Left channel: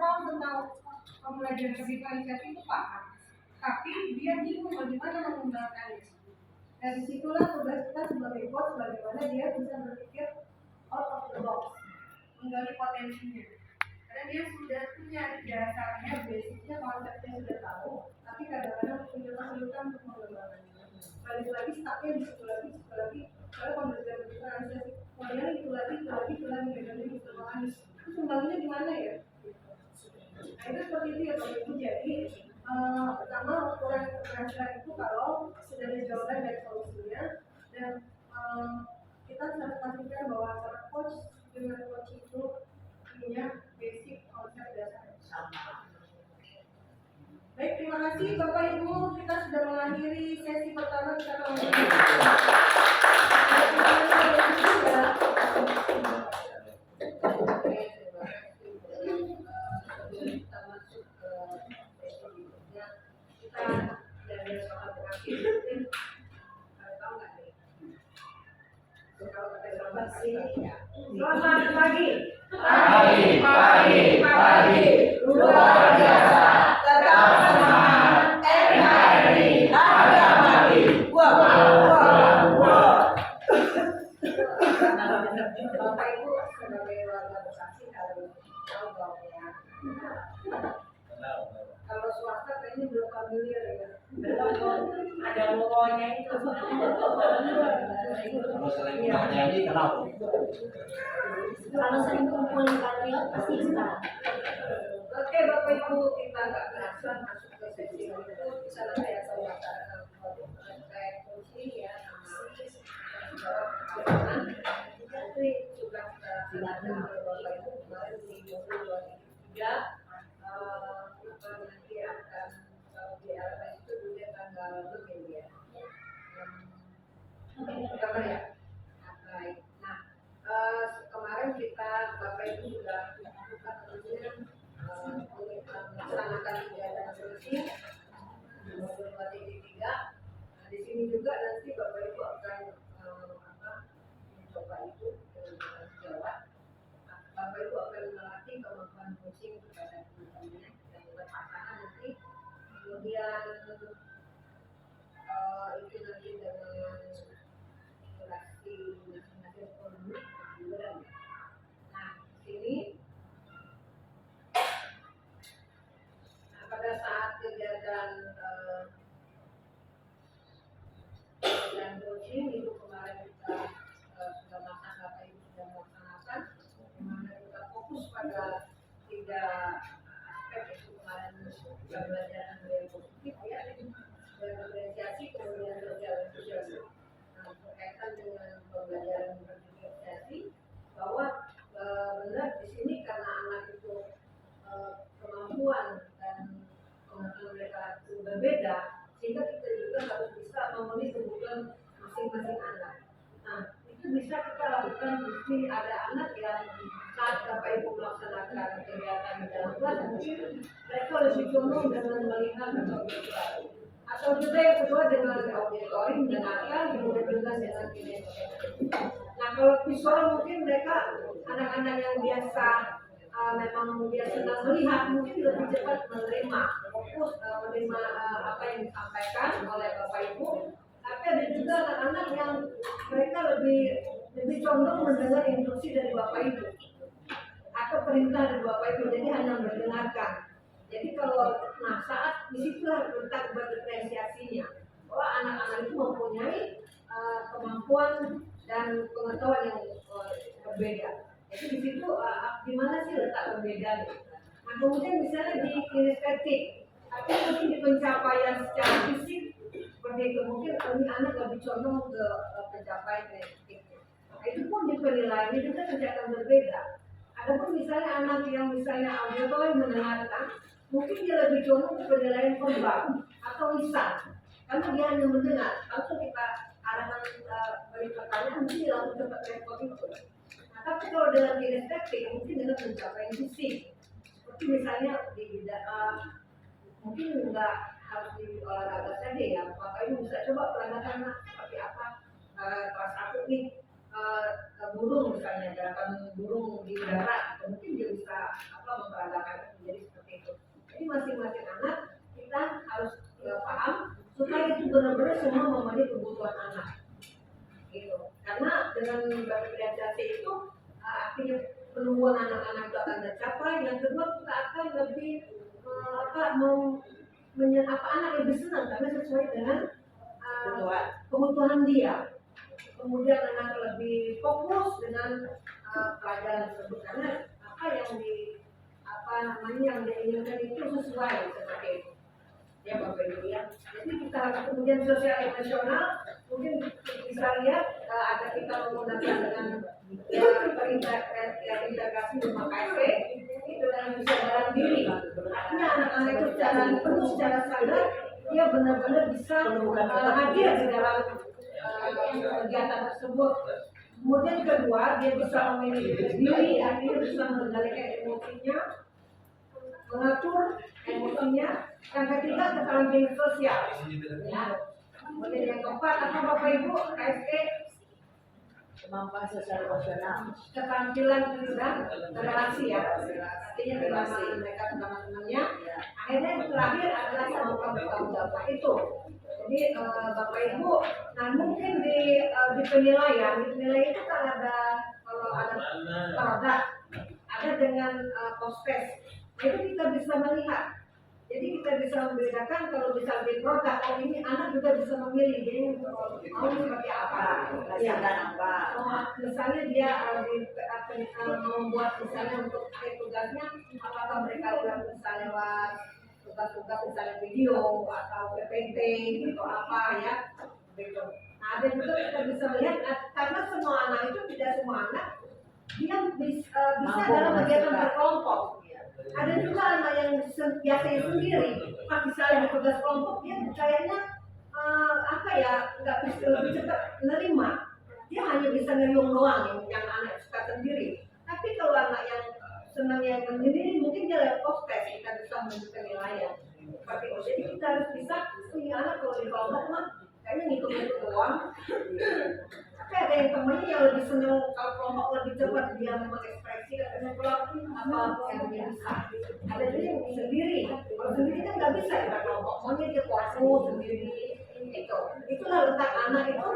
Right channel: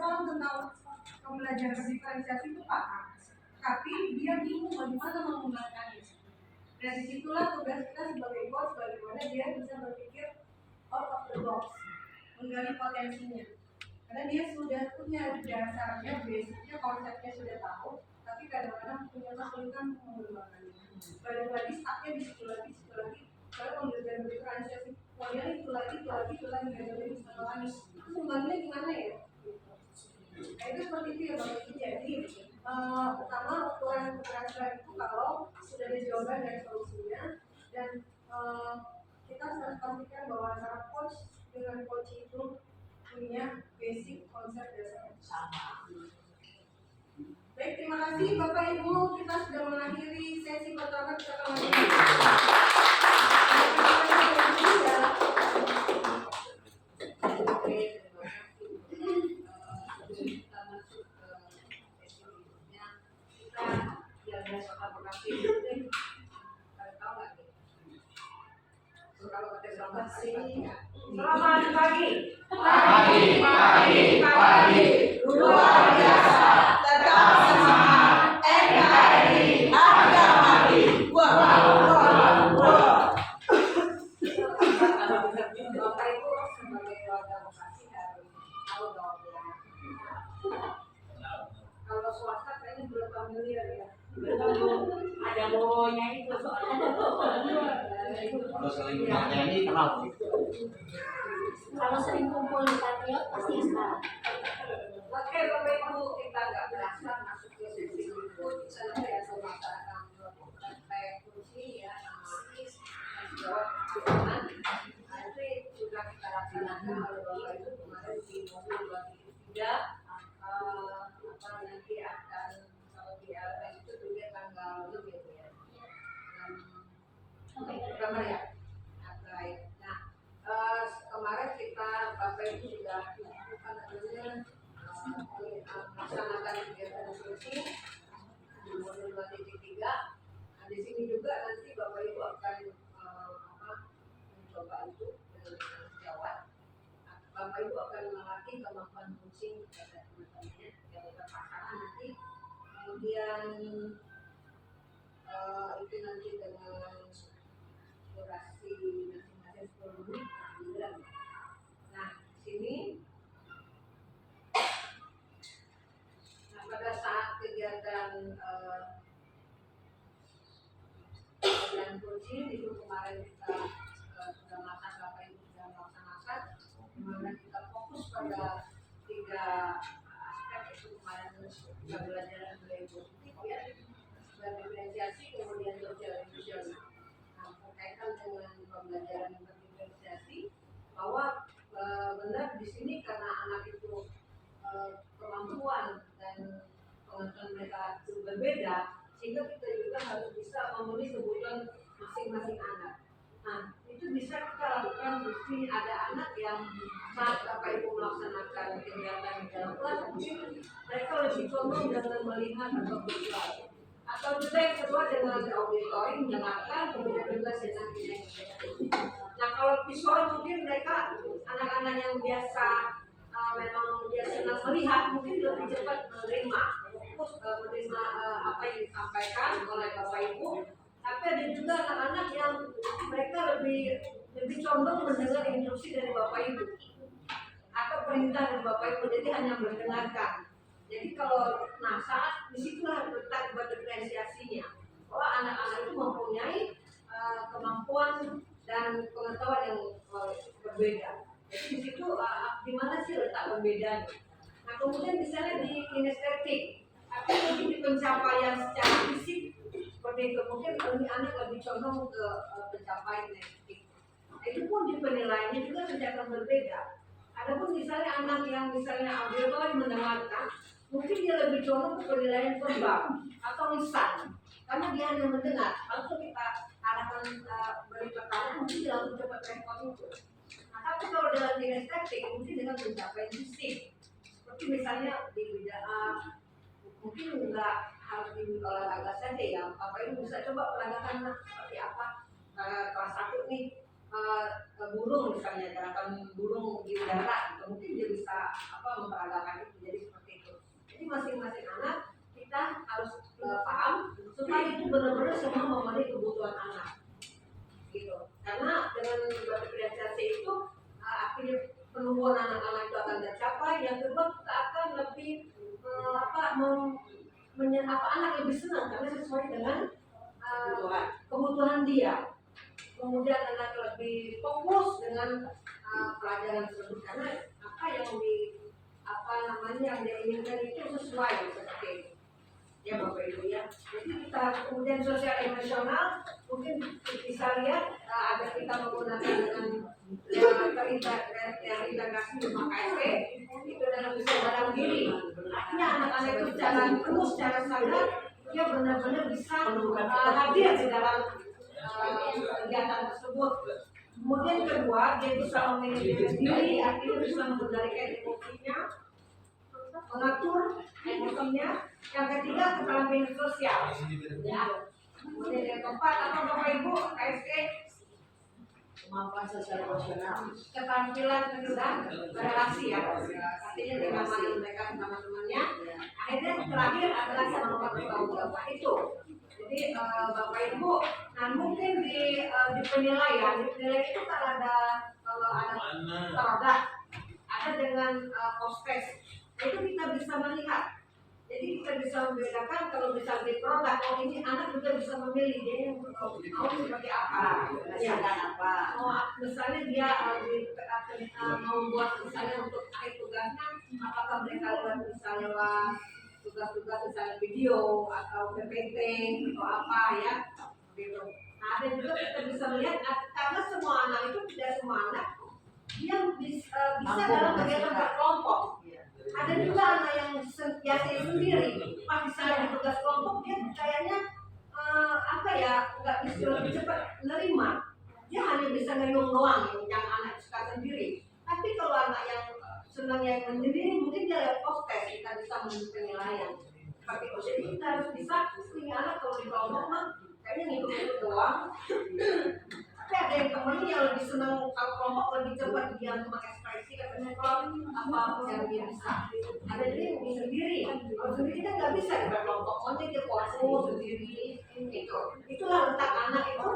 paham tentang pembelajaran diferensiasi itu paham, tapi dia bingung bagaimana menggunakannya. Dan disitulah tugas kita sebagai coach, bagaimana dia bisa berpikir out of the box, menggali potensinya. Karena dia sudah punya dasarnya, basicnya, konsepnya sudah tahu, tapi kadang-kadang punya kesulitan untuk mengembangkannya. Balik lagi startnya di situ lagi, kalau pembelajaran diferensiasi, kemudian itu lagi, jadi setengah lagi. Terus kembalinya gimana ya? Nah itu seperti itu ya Bapak Ibu. Jadi pertama ukuran keberhasilan itu kalau sudah ada jawaban dari solusinya, dan kita harus pastikan bahwa antara coach dengan coach itu punya basic konsep dasar sama. Baik, terima kasih Bapak Ibu, kita sudah mengakhiri sesi pertama kita Selamat pagi. Pagi. Luar biasa. Tetap semangat. NKRI harga mati. Bapak Ibu sebagai warga Bekasi harus tahu dong ya. Kalau swasta kayaknya belum familiar ya. Belum ada logonya itu. Kalau sering nyanyi kenal. Kalau sering kumpul di Patriot pasti sekarang. Oke Bapak Ibu, kita nggak berasa masuk ke sesi berikut. Kita nanti akan melaksanakan praktek kunci ya, analisis dan jawab pertanyaan. Nanti sudah kita laksanakan oleh Bapak Ibu kemarin di modul 2.3. Nanti akan di LMS itu juga tanggal lebih ya. Gambar ya. Baik. Nah, kemarin kita Bapak Ibu sudah melakukan melaksanakan kegiatan solusi di modul 2.3. Nah, di sini juga nanti Bapak Ibu akan mencoba itu dengan sejawat. Bapak Ibu akan melatih kemampuan coaching kepada teman-temannya yang berpasangan nanti. Kemudian itu nanti dengan durasi masing-masing 10 menit. Nah, di sini pada saat kegiatan coaching itu kemarin kita sudah melaksanakan, Bapak Ibu sudah melaksanakan, dimana kita fokus pada 3 aspek, itu kemarin kita belajar budaya positif ya, diferensiasi, kemudian sosial inklusi. Nah, berkaitan dengan pembelajaran diferensiasi, bahwa benar di sini karena anak itu kemampuan dan pengetahuan mereka itu berbeda, sehingga kita juga harus bisa memenuhi kebutuhan masing-masing anak. Nah, itu bisa kita lakukan di ada anak yang saat Bapak Ibu melaksanakan kegiatan di dalam kelas, mungkin mereka lebih condong dengan melihat atau visual, atau juga yang kedua dengan auditory mendengarkan, kemudian juga dengan kinestetik. Nah, kalau visual mungkin mereka anak-anak yang biasa memang dia senang melihat, mungkin lebih cepat menerima, fokus menerima apa yang disampaikan oleh Bapak Ibu. Tapi ada juga anak-anak yang mereka lebih condong mendengar instruksi dari Bapak Ibu atau perintah dari Bapak Ibu, jadi hanya mendengarkan. Jadi kalau saat disitulah letak diferensiasinya, bahwa anak-anak itu mempunyai kemampuan dan pengetahuan yang berbeda. Jadi di situ di mana sih letak pembedanya? Nah, kemudian misalnya di kinestetik, atau mungkin di pencapaian secara fisik seperti itu, mungkin ini anak lebih condong ke pencapaian kinestetik. Nah, itu pun di penilaiannya juga akan berbeda. Adapun misalnya anak yang misalnya auditory mendengarkan, mungkin dia lebih condong ke penilaian verbal atau lisan, karena dia hanya mendengar. Lalu kita arahkan beri pertanyaan, mungkin dia langsung cepat respon itu. Nah, tapi kalau dengan kinestetik, mungkin dengan pencapaian fisik, seperti misalnya di bidang mungkin nggak harus di olahraga saja ya, Bapak Ibu bisa coba peragakan seperti apa. Kelas 1 nih, burung misalnya, gerakan burung di udara, mungkin dia bisa memperagakan itu. Jadi masing-masing anak kita harus paham supaya itu benar-benar semua memenuhi kebutuhan anak. Gitu. Karena dengan berdiferensiasi itu artinya penumbuhan anak-anak itu akan tercapai. Yang kedua kita akan lebih anak lebih senang karena sesuai dengan kebutuhan dia. Kemudian anak lebih fokus dengan pelajaran tersebut karena yang dia inginkan itu sesuai seperti itu. Ya Bapak Ibu ya. Jadi kita kemudian sosial emosional mungkin bisa lihat agar kita menggunakan dengan terintegrasi dengan KSP itu dalam kesadaran diri. Artinya anak-anak itu secara penuh secara sadar dia benar-benar bisa hadir di dalam kegiatan tersebut. Kemudian kedua, dia bisa memiliki diri, artinya bisa mengendalikan emosinya, mengatur emosinya. Yang ketiga, keterampilan sosial. Ya. Kemudian yang keempat, apa Bapak Ibu, KSE? Kemampuan sosial emosional. Keterampilan dan relasi ya. Artinya bagaimana mereka teman-temannya. Akhirnya terakhir adalah kemampuan bertanggung jawab itu. Jadi Bapak Ibu, nah mungkin di penilaian itu kan ada kalau ada produk, ada dengan post-test, itu kita bisa melihat. Jadi kita bisa membedakan kalau bisa di produk, oh ini anak juga bisa memilih dia mau seperti apa, Berdasarkan apa? Misalnya dia mau membuat misalnya untuk akhir tugasnya, apakah mereka udah bisa lewat tugas-tugas misalnya video atau PPT atau apa ya gitu. Nah dan juga kita bisa melihat karena semua anak itu tidak semua anak dia bisa dalam kegiatan berkelompok. Ada juga anak yang biasanya sendiri pas misalnya di tugas kelompok dia kayaknya nggak bisa lebih cepat menerima. Dia hanya bisa ngeyung doang yang anak suka sendiri. Tapi kalau anak yang senangnya sendiri mungkin dia lewat post-test kita bisa menunjukkan penilaian seperti itu. Jadi kita harus bisa ini anak kalau di kelompok mah kayaknya ngikut-ngikut doang. Tapi ada yang temennya yang lebih senang kalau kelompok lebih cepat dia mengekspresi katanya kalau apa yang dia bisa. Ada juga yang sendiri. Kalau sendiri kan nggak bisa di kelompok. Maunya dia fokus sendiri itu. Itulah letak anak itu.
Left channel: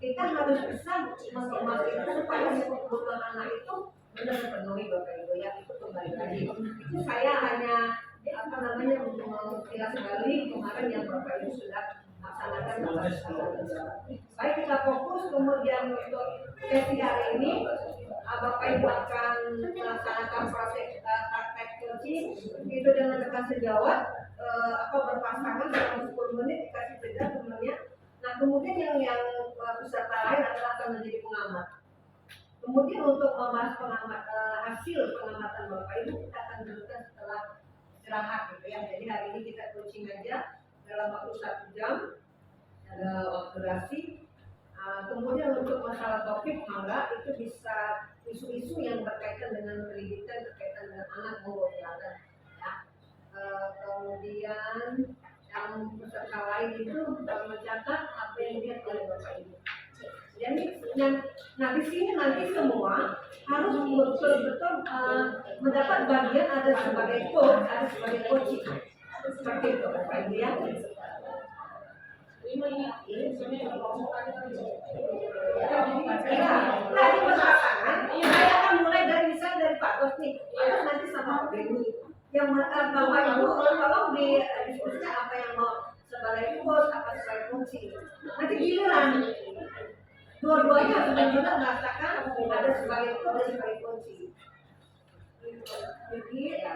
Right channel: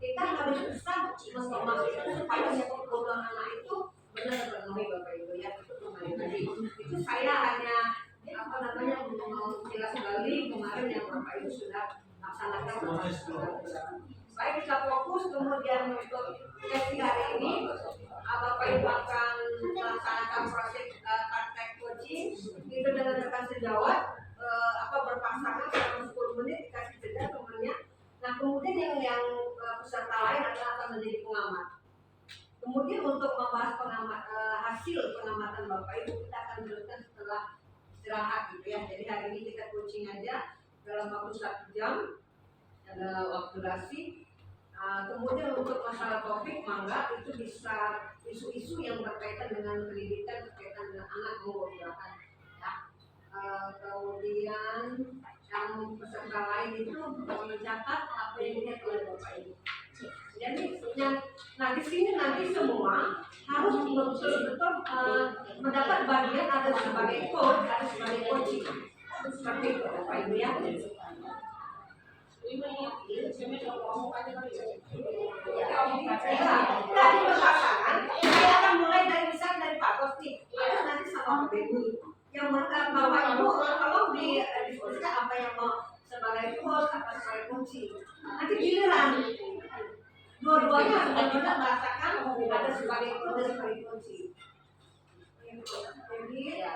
Kita harus bisa mengemas itu supaya kebutuhan anak itu benar terpenuhi Bapak Ibu ya. Itu kembali lagi. Itu saya hanya mengkilas kembali kemarin yang Bapak Ibu sudah laksanakan. Baik kita fokus kemudian untuk sesi hari ini Bapak Ibu akan melaksanakan proses praktek coaching itu dengan rekan sejawat berpasangan selama 10 menit dikasih jeda temannya. Nah kemudian yang peserta lain adalah akan menjadi pengamat. Kemudian untuk membahas hasil pengamatan Bapak Ibu kita akan berikan setelah istirahat gitu ya. Jadi hari ini kita coaching aja dalam waktu 1 jam, ada waktu durasi. Kemudian untuk masalah topik mangga itu bisa isu-isu yang berkaitan dengan pendidikan, berkaitan dengan anak silakan ya. Kemudian yang peserta lain itu mencatat apa yang dilihat oleh Bapak Ibu. Jadi nah di sini nanti semua harus betul-betul mendapat bagian ada sebagai coach, ada sebagai coaching. Seperti itu Bapak Ibu ya. Tadi berpasangan, saya akan mulai dari misalnya dari Pak Kos nih, terus nanti sama Pak Ibu. Yang Bapak Ibu tolong diskusikan apa yang mau sebagai coach, apa sebagai coaching. Nanti giliran dua-duanya benar-benar merasakan ada sebagai coach dan sebagai coaching. Jadi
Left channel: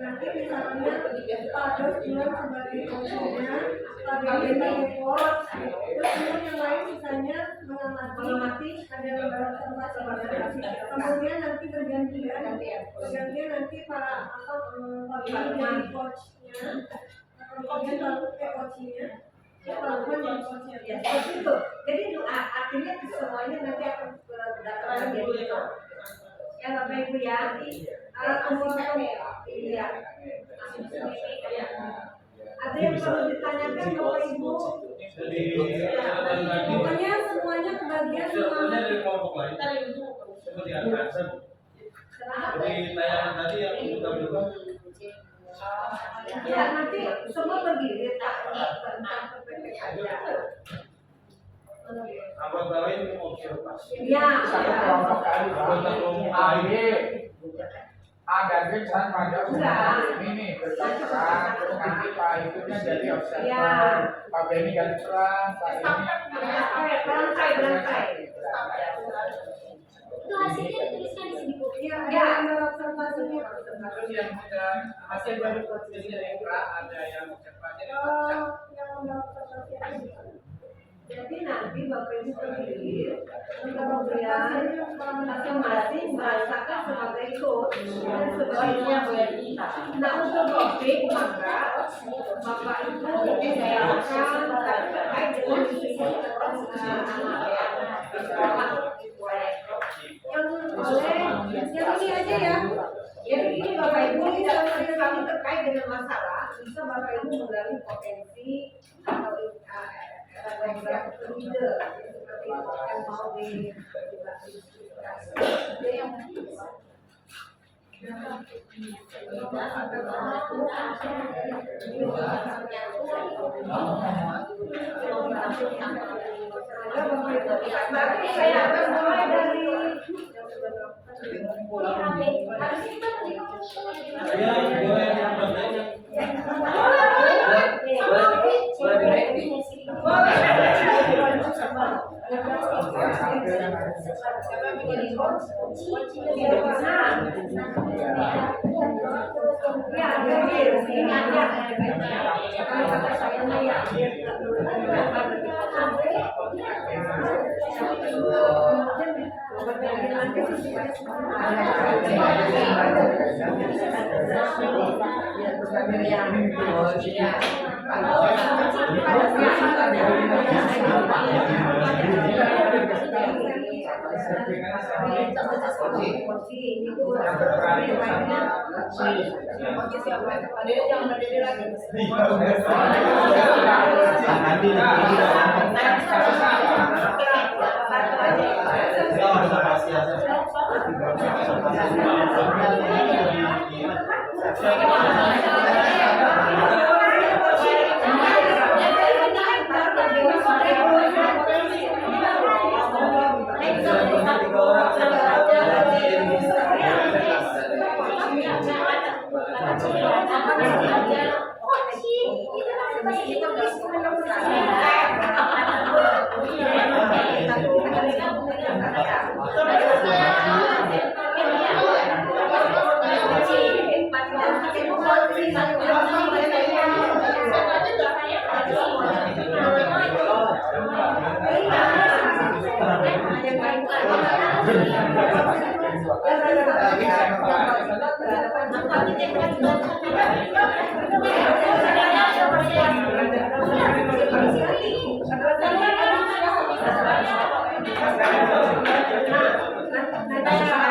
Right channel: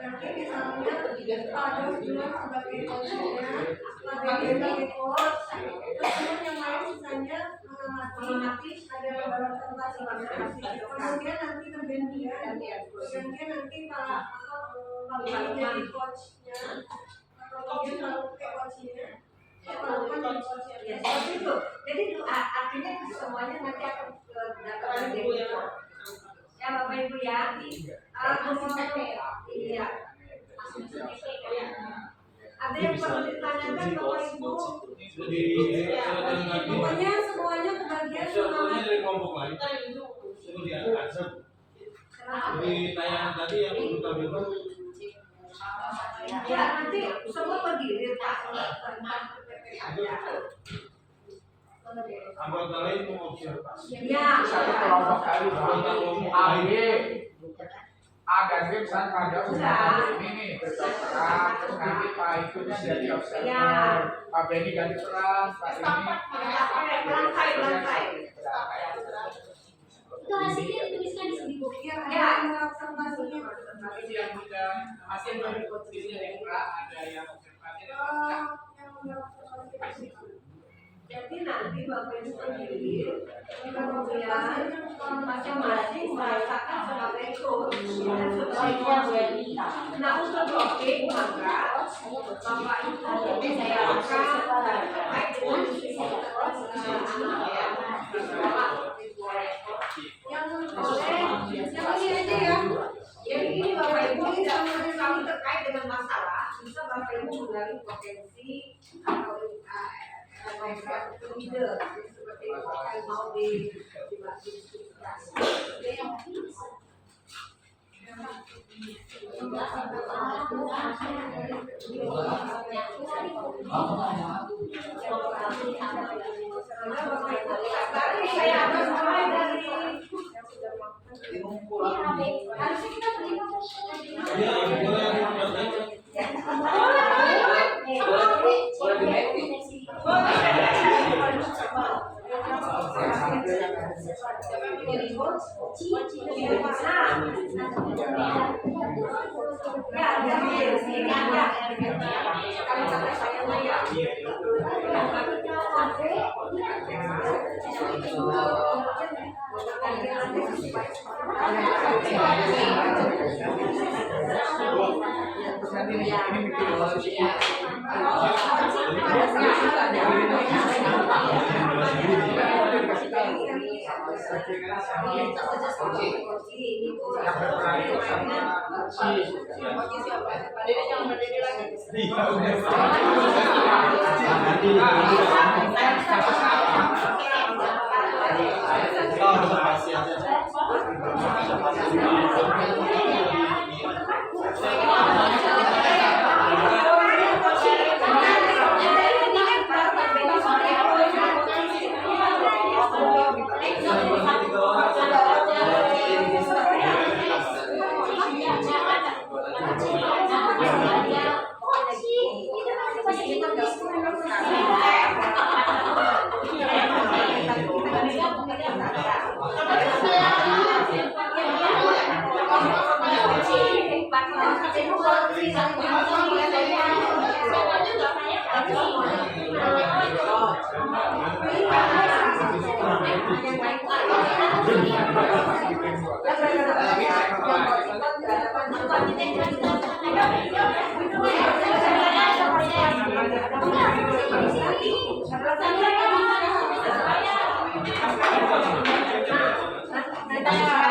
nanti misalnya ada bilang sebagai coachnya, sebagai coach, terus yang lain misalnya mengamati ada lembaga tempat kemudian nanti bergantian nanti para ini jadi coachnya, kemudian lalu ke coachnya. Ya, seperti itu. Jadi artinya semuanya nanti akan datang lagi. Ya Bapak Ibu ya. Iya. Ada yang perlu ditanyakan Bapak Ibu? Pokoknya semuanya kebagian semuanya dari kelompok lain. Seperti ada. Dari tayangan tadi yang kita Ya nanti semua berdiri tentang PPKM. Anggota lain mau observasi. Ya. Anggota umum AG agak sama dia ini nih berserang terus nanti Pak itunya jadi observer Pak Benny ganti peran Pak ini Lantai. Itu hasilnya dituliskan di sini, Bu. Ya, observasinya. terus yang hasil dari posisinya ada yang observasi Jadi nanti Bapak Ibu pendiri kemudian masing-masing merasakan sebagai coach dan sebagai nah untuk topik maka Bapak Ibu silakan terkait dengan isu yang oleh yang ini aja ya. Jadi ini Bapak Ibu tidak menurut kami terkait dengan masalah bisa Bapak Ibu menggali potensi atau leader seperti yang mau diskusikan. Berarti saya akan mulai dari harusnya kita terima Ya, Nah,